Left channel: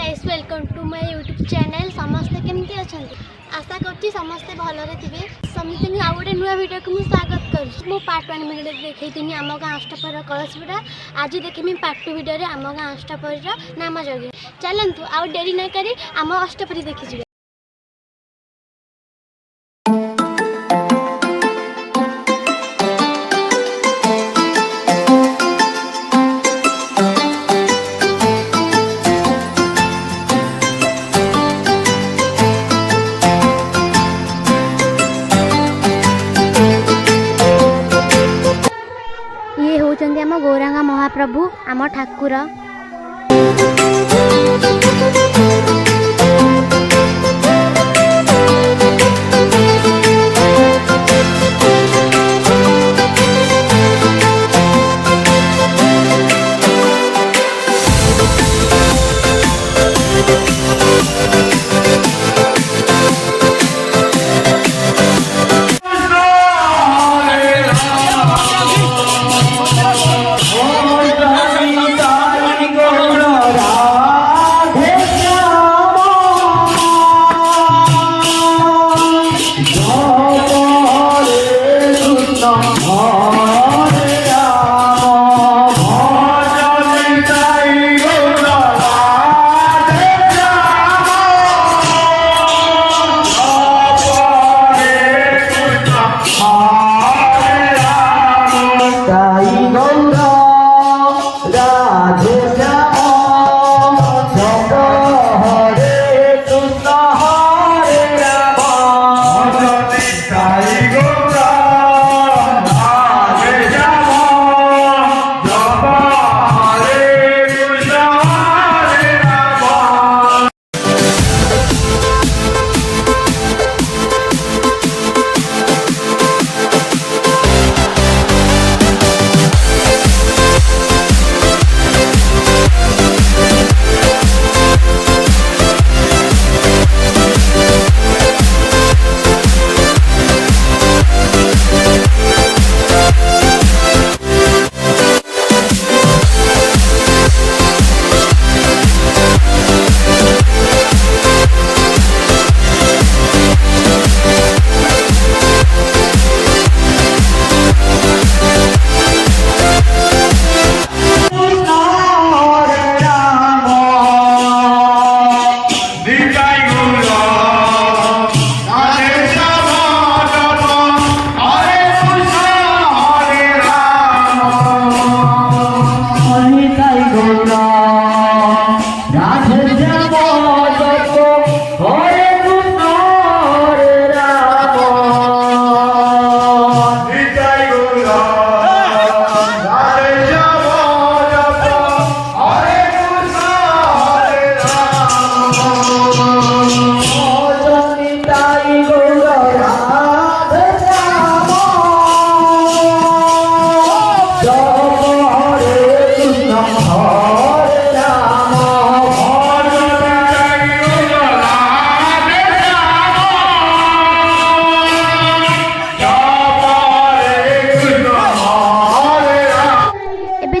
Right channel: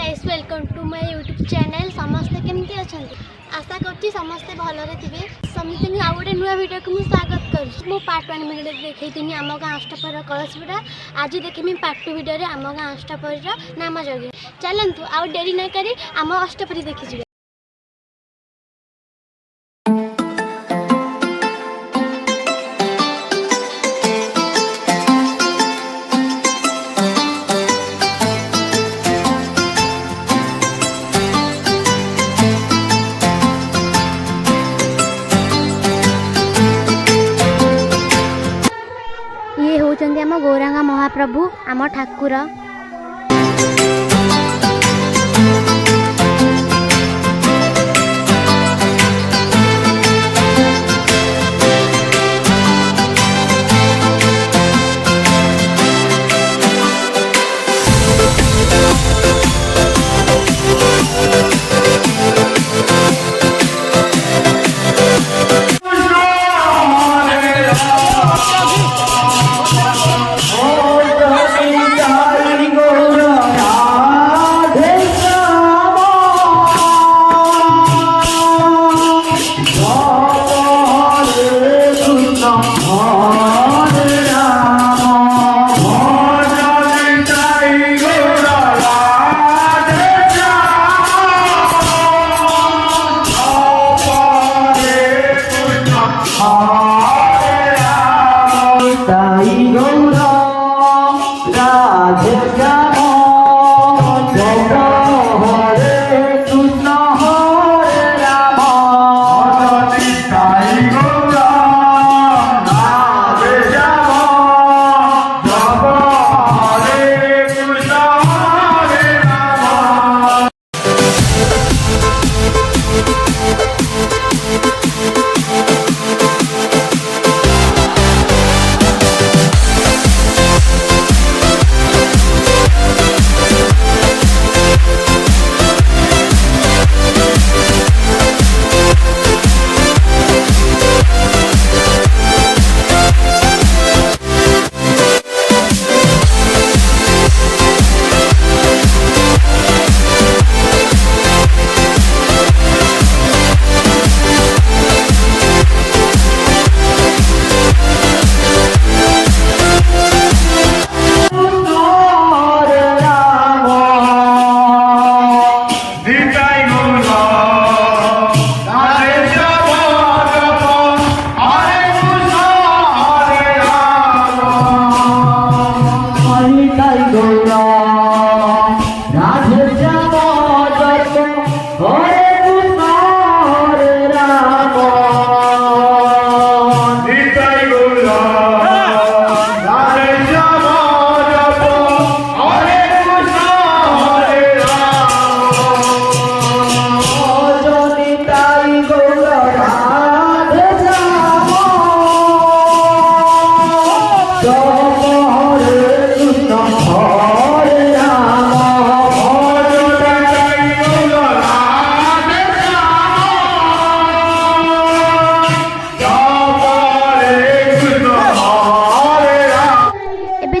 Guys welcome to my YouTube channel. समस्ते केमती अच्छा आशा करती समस्ते भलरे थे समस्त आउ गोटे नुआ वीडियो को स्वागत कर पार्ट 1 वीडियो देखी आम गाँ अष्टपर कलशपुरा। आज देखी पार्ट 2 वीडियो आम गाँ अष्टपर नाम यज्ञ। चलतु आउ डेरी न करी आम अष्टपरी देखी। ये होचंदी आम गौरांगा महाप्रभु आम ठाकुर।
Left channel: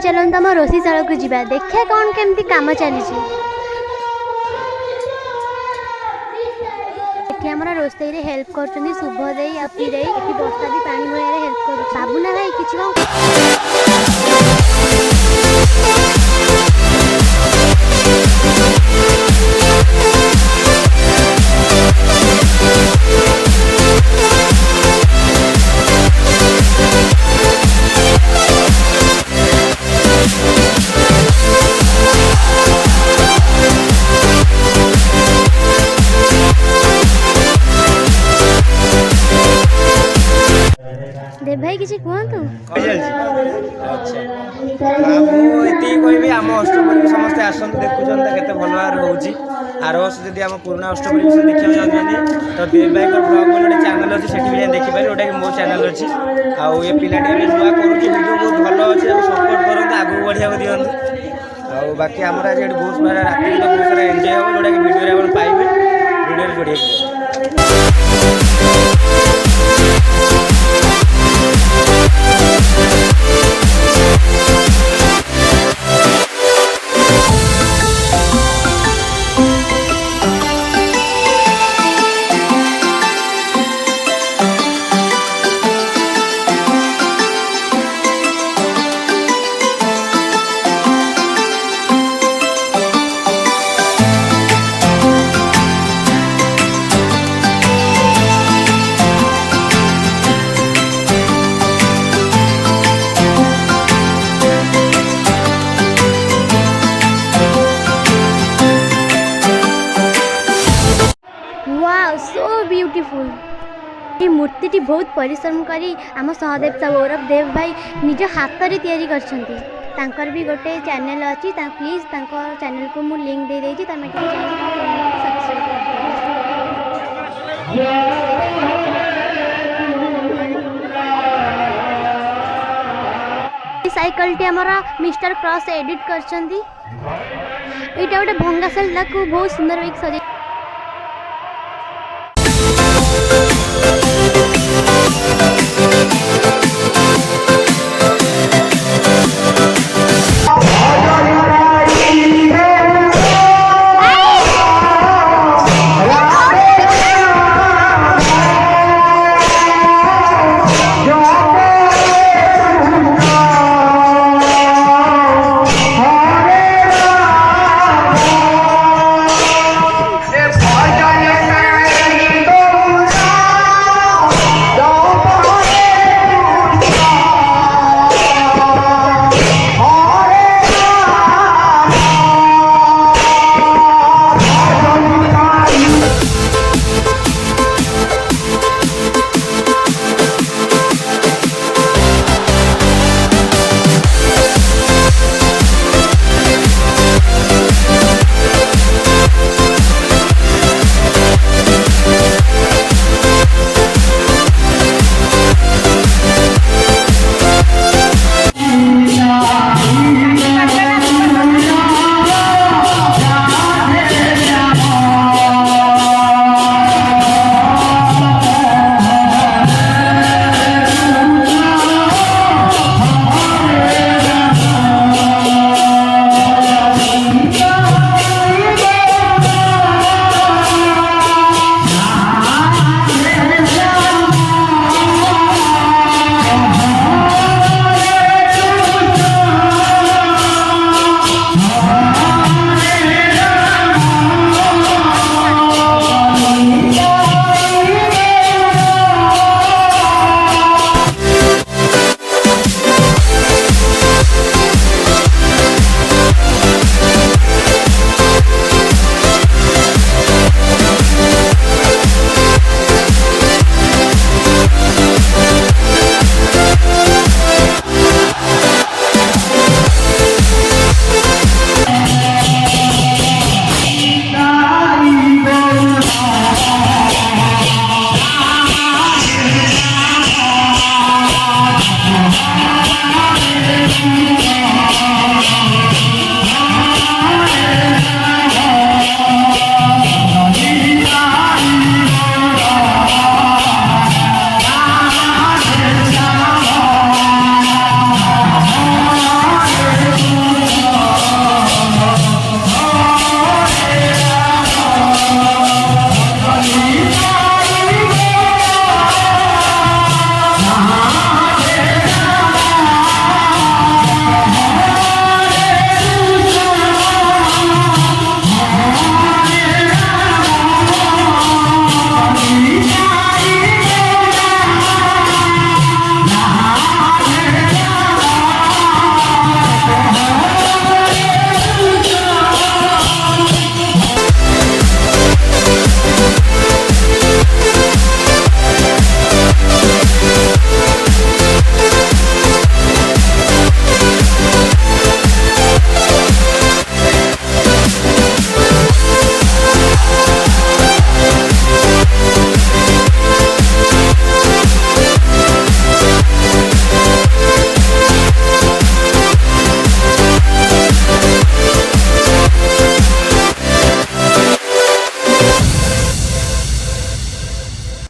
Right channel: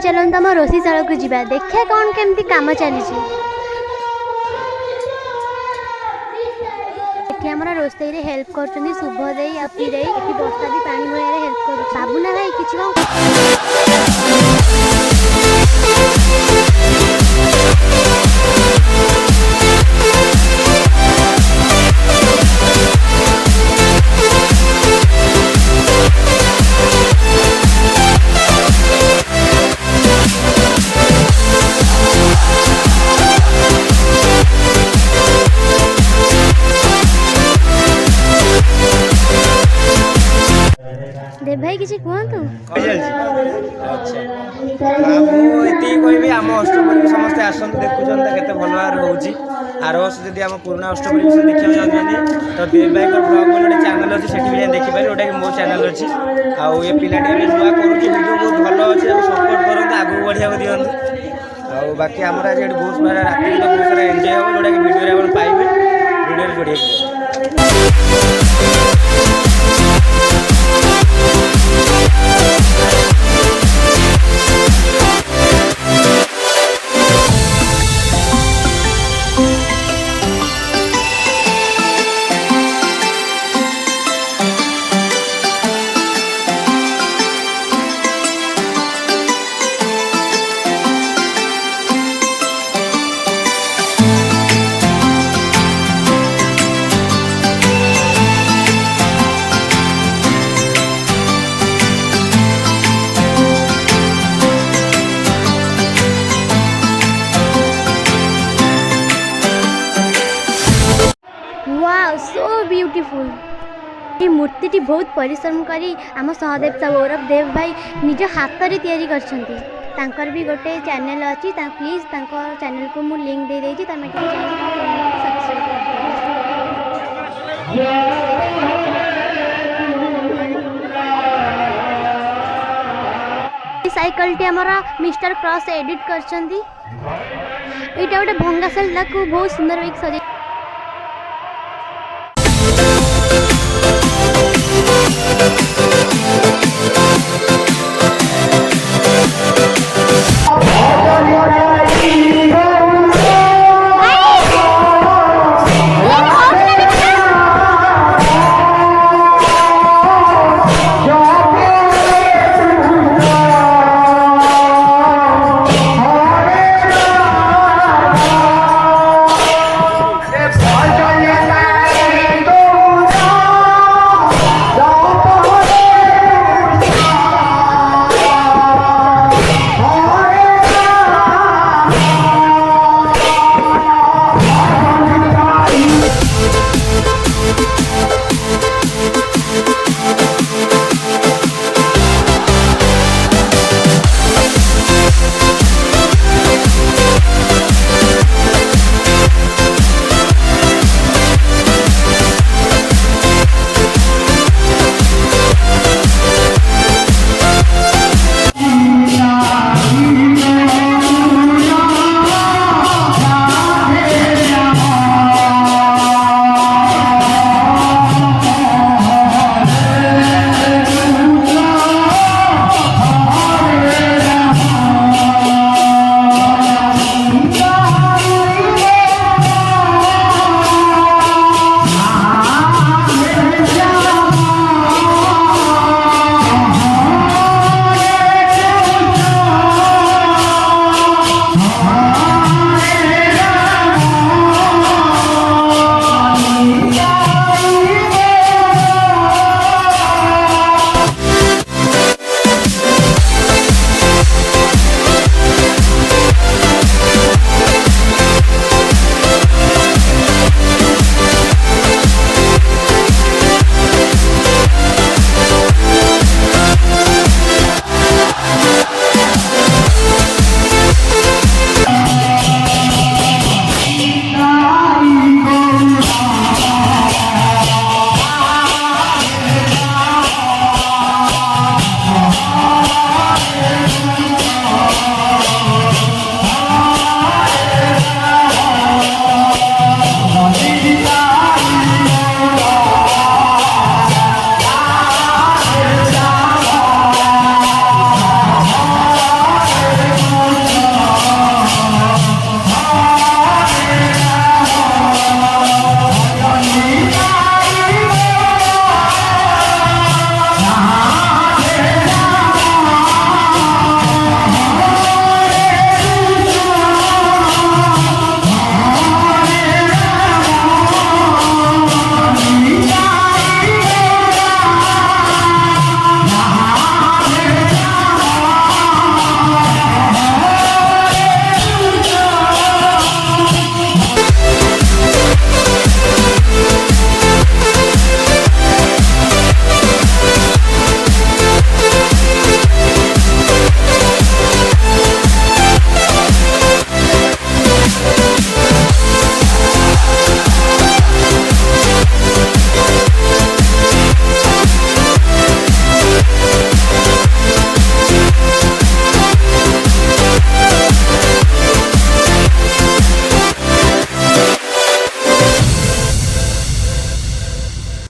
चलते आम रोषीशाला को जीवा देखा कौन केमती काम चली। रोषे हेल्प कर शुभ दे अपी दे बस्ता भी पानी भर हेल्प कर बाबूना भाई कि देव भाई किसी कहतु कहबी आम अष्टपरी समस्ते आसतु देखुन केते भल भाव होची। आर वर्ष जब आम पुराना अष्टपरी विषय देखा चाहते तो देव भाई ब्लॉग गोटे चैनल अच्छी से देखिपारे जोटा कि मो चैनल अच्छी आउ ये पिला नुआ कर वीडियो बहुत भल अच्छे सपोर्ट करते आगू बढ़िया दिखाँ आउ बाकी आम आज बहुत सारा राति तो बहुत सारा एंजय हो जोटा कि वीडियो पाइबे वीडियो जोड़िए। ब्यूटीफुल। ये मूर्ति बहुत परिश्रम करी आम सहदेव गौरव देव भाई निज हाथ में तैयारी करछंती। तांकर भी गोटे चैनल अच्छी प्लीज चैनल को मु लिंक दे देछि तमे सब्सक्राइब कर। साइकिल टी हमर मिस्टर क्रॉस एडिट करछंती। एटा गोटे भंगा साइकिल को बहुत सुंदर एक सजे